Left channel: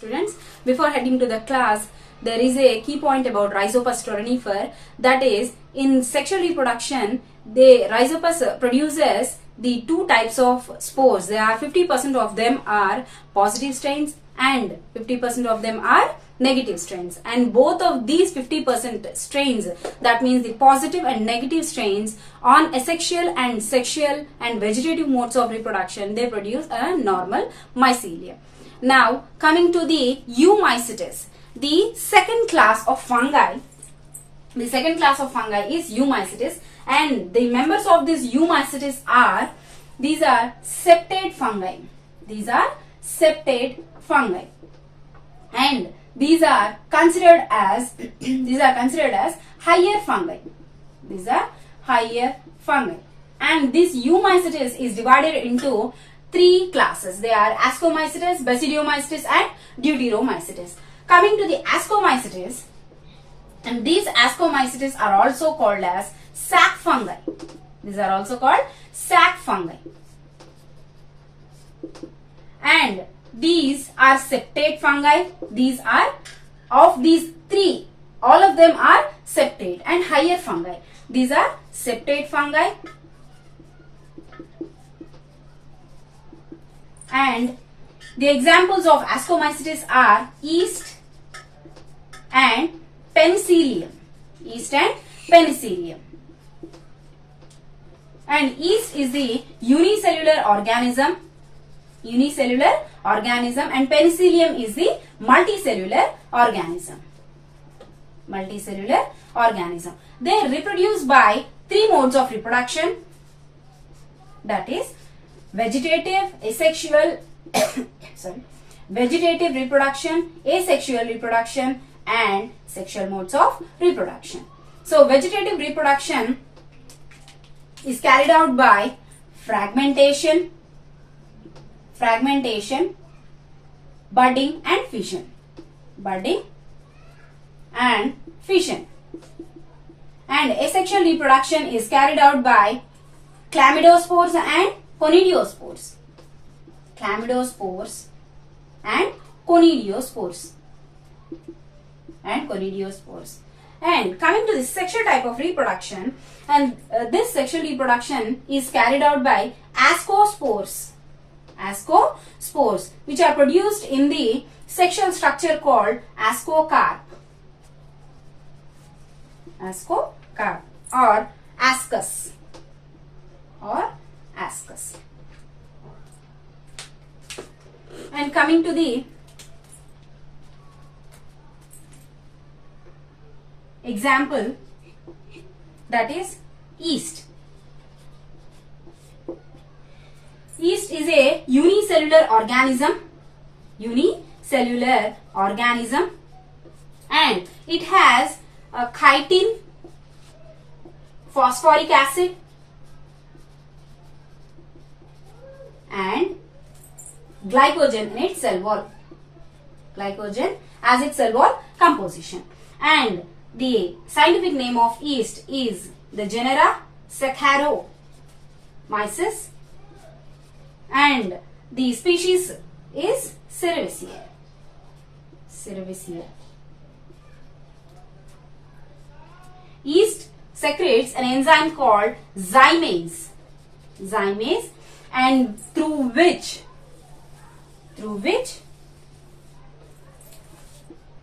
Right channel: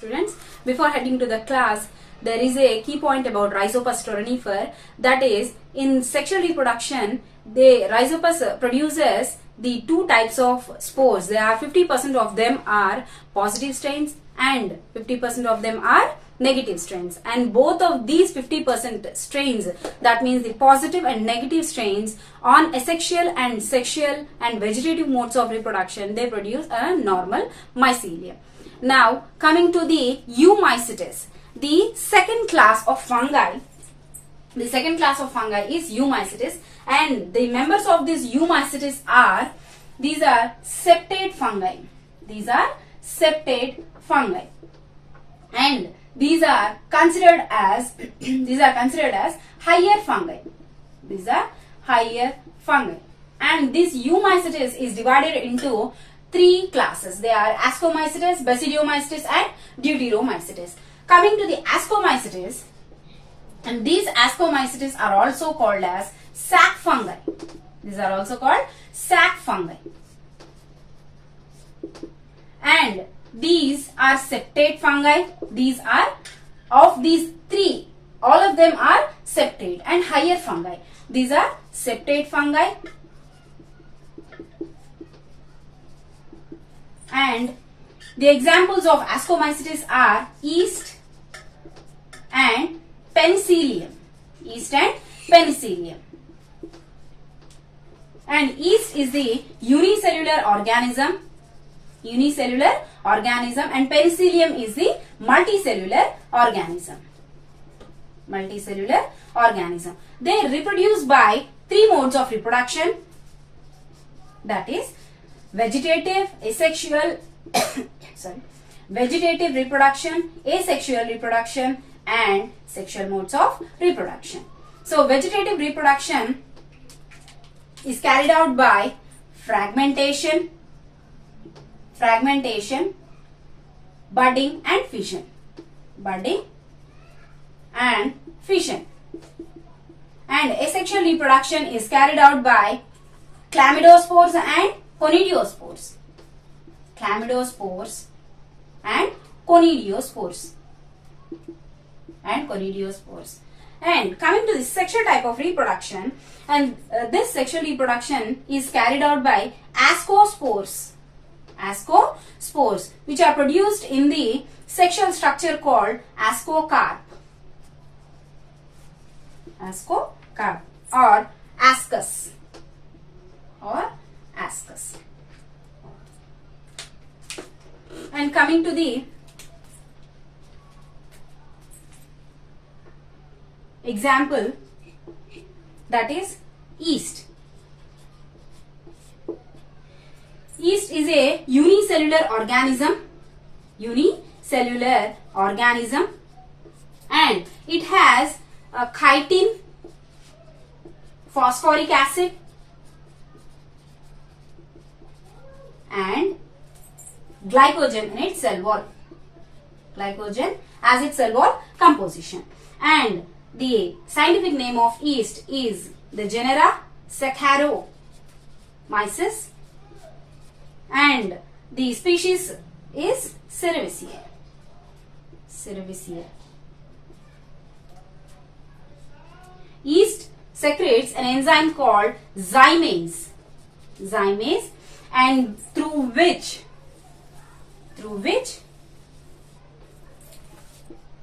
Students, before heading to the class, there is a key point about Rhizopus stolonifer, that is, in sexual reproduction, the Rhizopus produces the two types of spores. There are 50% of them are positive strains and 50% of them are negative strains, and both of these 50% strains, that means the positive and negative strains, on asexual and sexual and vegetative modes of reproduction, they produce a normal mycelium. Now coming to the Eumycetes, the second class of fungi. The second class of fungi is Eumycetes, and the members of this Eumycetes are, these are septate fungi. These are septate fungi, and these are considered as higher fungi. These are higher fungi, and this Eumycetes is divided into three classes. They are ascomycetes, basidiomycetes, and deuteromycetes. Coming to the ascomycetes, and these ascomycetes are also called as sac fungi. These are also called sac fungi, and these are septate fungi. These are, of these three, all of them are septate and higher fungi. These are septate fungi, and the examples of ascomycetes are yeast and penicillium. Yeast and penicillium. And yeast is the unicellular organism, and penicillium is the multicellular organism. They reproduce by three modes of reproduction, that is vegetative, asexual, vegetative reproduction, asexual reproduction, and sexual modes of reproduction. So vegetative reproduction is carried out by fragmentation, budding and fission. And asexual reproduction is carried out by chlamydospores and conidiospores. And coming to the sexual type of reproduction, and this sexual reproduction is carried out by ascospores, which are produced in the sexual structure called ascocarp or ascus. And coming to the example, that is yeast. Yeast is a unicellular organism, and it has a chitin, phosphoric acid, and glycogen in its cell wall. Glycogen as its cell wall composition. And the scientific name of yeast is the genera Saccharomyces, and the species is Cerevisiae. Yeast secretes an enzyme called zymase, and through which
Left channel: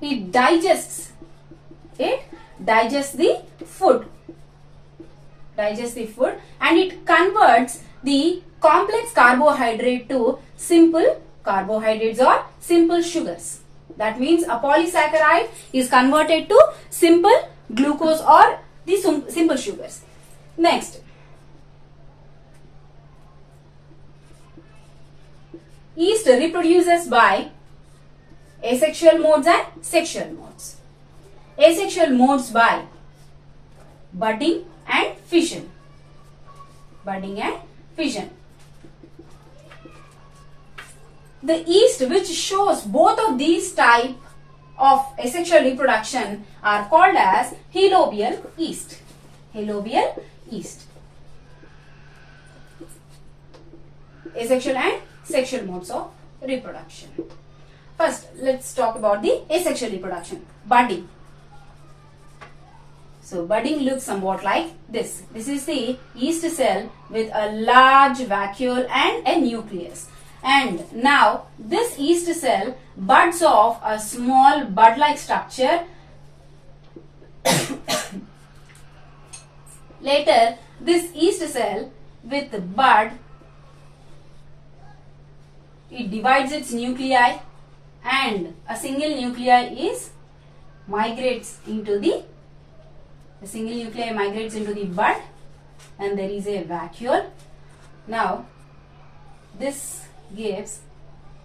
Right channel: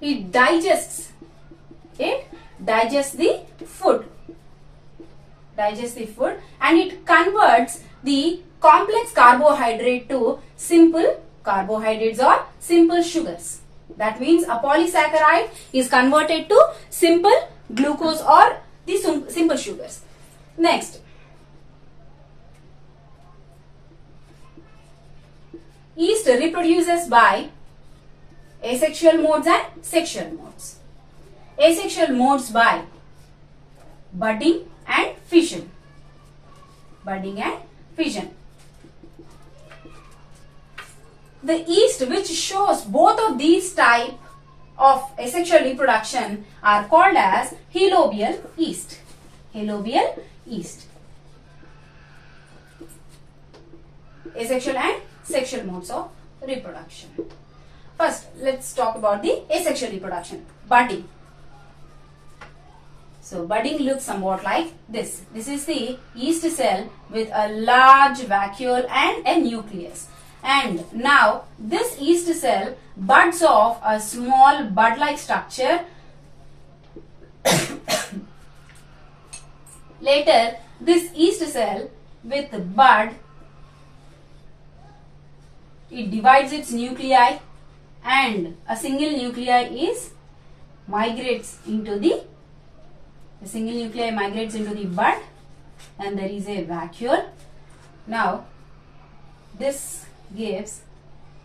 it digests the food, and it converts the complex carbohydrate to simple carbohydrates or simple sugars. That means a polysaccharide is converted to simple glucose or the simple sugars. Next, yeast reproduces by asexual modes and sexual modes. Asexual modes by budding and fission. The yeast which shows both of these type of asexual reproduction are called as helobial yeast. Asexual and sexual modes of reproduction. First, let's talk about the asexual reproduction, budding. So budding looks somewhat like this. This is the yeast cell with a large vacuole and a nucleus. And now this yeast cell buds off a small bud-like structure. Later, this yeast cell with the bud, it divides its nuclei, and a single nuclei is migrates into the bud, and there is a vacuole. Now this gives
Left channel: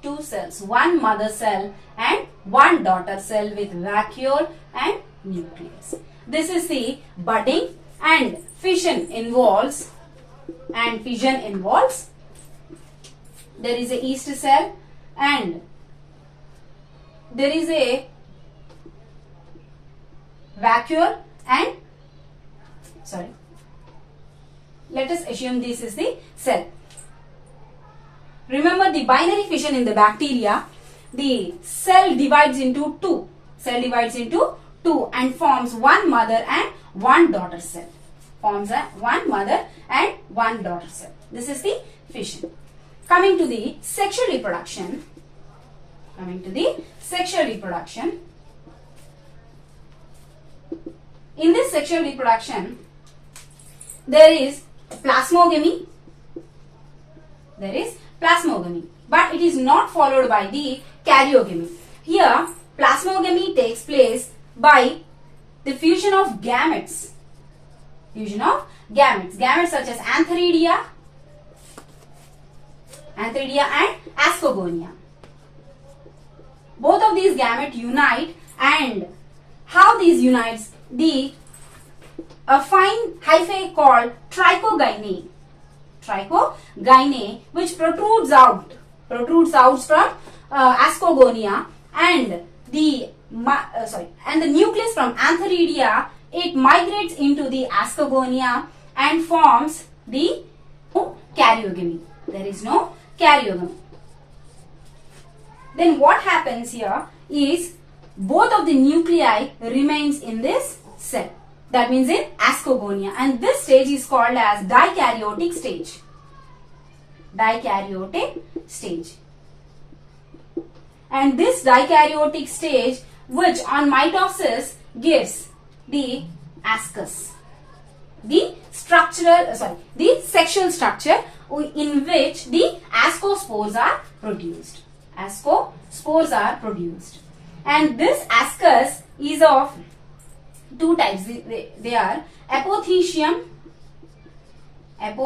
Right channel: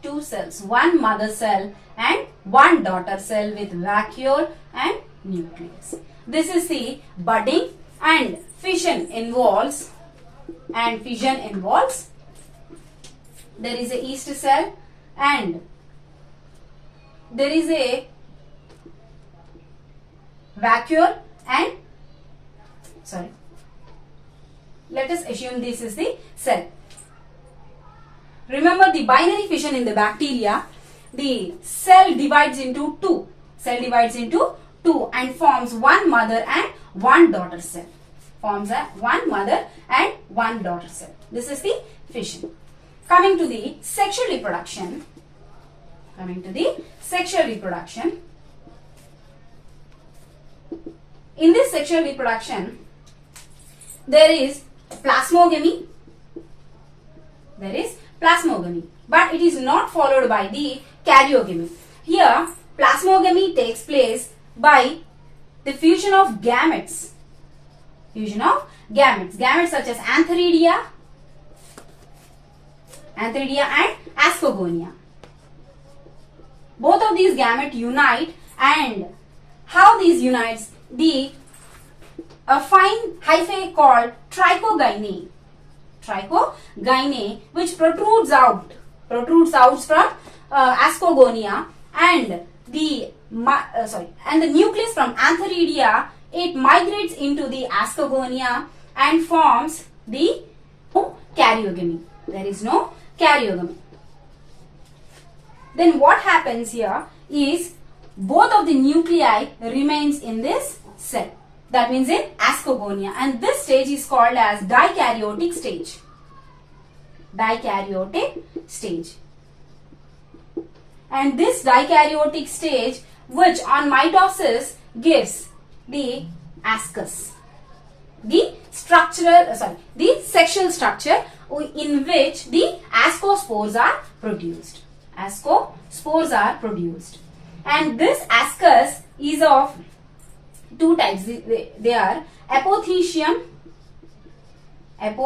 two cells, one mother cell and one daughter cell with vacuole and nucleus. This is the budding, and fission involves there is a yeast cell and there is a vacuole, and let us assume this is the cell. Remember the binary fission in the bacteria, the cell divides into two. And forms one mother and one daughter cell. This is the fission. Coming to the sexual reproduction. In this sexual reproduction, there is plasmogamy, but it is not followed by the karyogamy. Here, plasmogamy takes place by the fusion of gametes. Gametes such as antheridia and ascogonia. Both of these gametes unite, and how these unites? A fine hyphae called trichogyne, which protrudes out from ascogonia, and the nucleus from antheridia, it migrates into the ascogonia and forms the karyogamy. There is no karyogamy. Then what happens here is both of the nuclei remains in this cell. That means in ascogonia, and this stage is called as dikaryotic stage. And this dikaryotic stage, which on mitosis gives the ascus, the sexual structure in which the ascospores are produced. And this ascus is of two types. They are apothecium and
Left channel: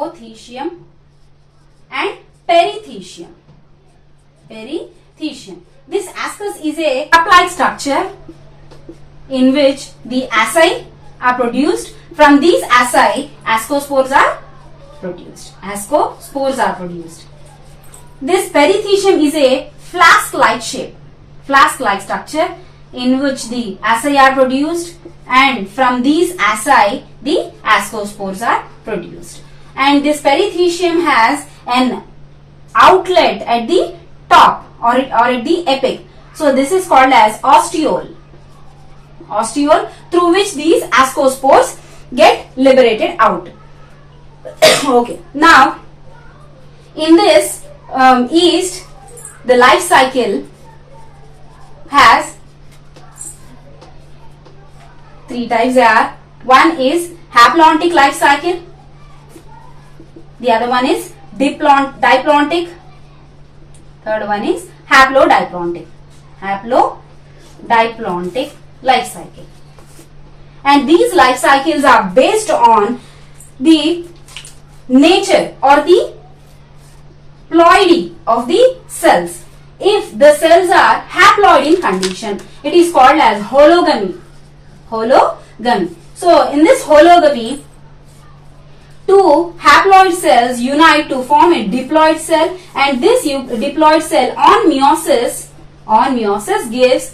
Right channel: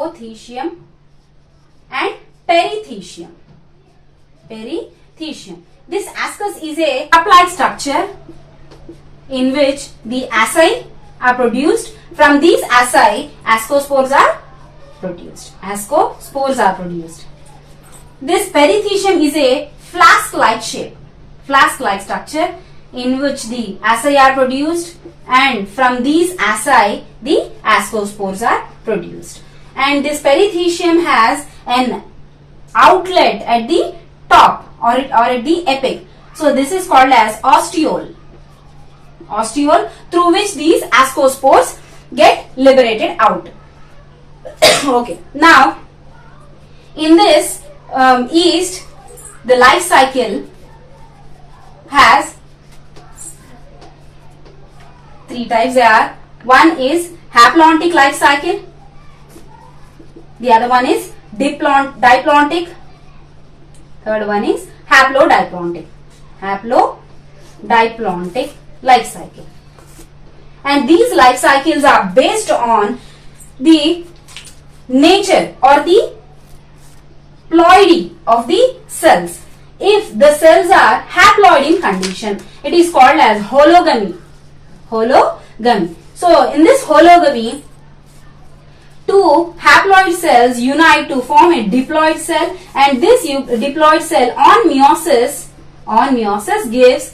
perithecium. This ascus is a cup-like structure in which the asci are produced. From these asci, ascospores are produced. This perithecium is a flask-like structure in which the asci are produced, and from these asci the ascospores are produced. And this perithecium has an outlet at the top or at the apex. So this is called as ostiole, through which these ascospores get liberated out. Okay. Now, in this yeast, the life cycle has three types. One is haplontic life cycle, the other one is diplontic, third one is haplodiplotic life cycle. And these life cycles are based on the nature or the ploidy of the cells. If the cells are haploid in condition, it is called as hologamy. So in this hologamy, two haploid cells unite to form a diploid cell, and this diploid cell on meiosis gives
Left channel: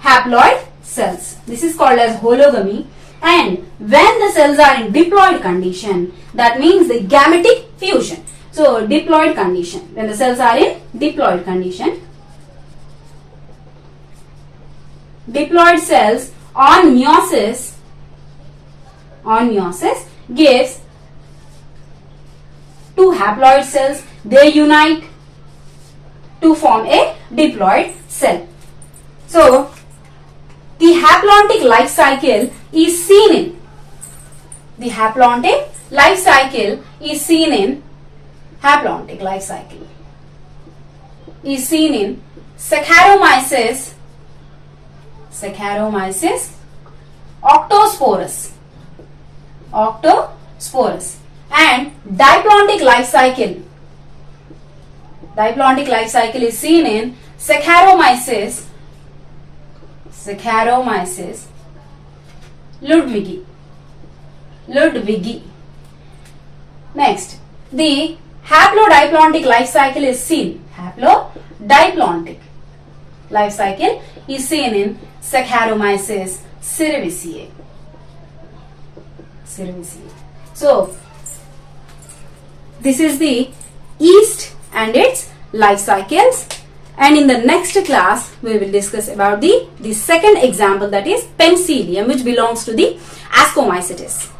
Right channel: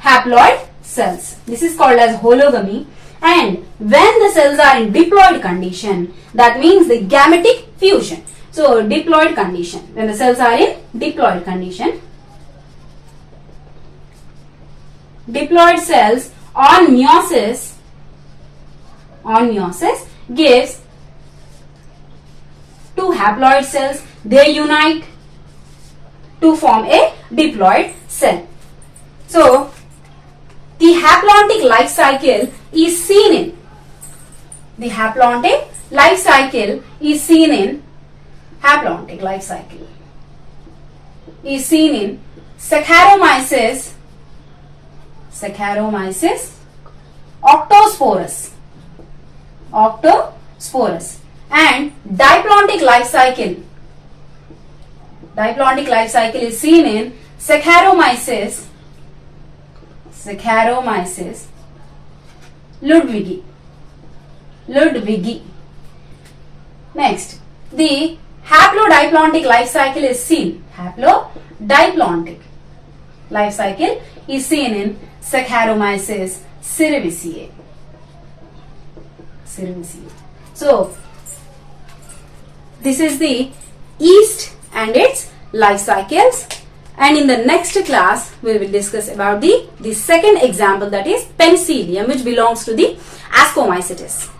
haploid cells. This is called as hologamy. And when the cells are in diploid condition, that means the gametic fusion. So diploid condition, when the cells are in diploid condition, diploid cells on meiosis gives two haploid cells. They unite to form a diploid cell. So, the haplontic life cycle is seen in Saccharomyces octosporus and diplontic life cycle is seen in Saccharomyces ludwigi. Next, the haplodiplontic life cycle is seen in Saccharomyces cerevisiae. So, this is the yeast and its life cycles, and in the next class we will discuss about the second example, that is Penicillium, which belongs to the ascomycetes.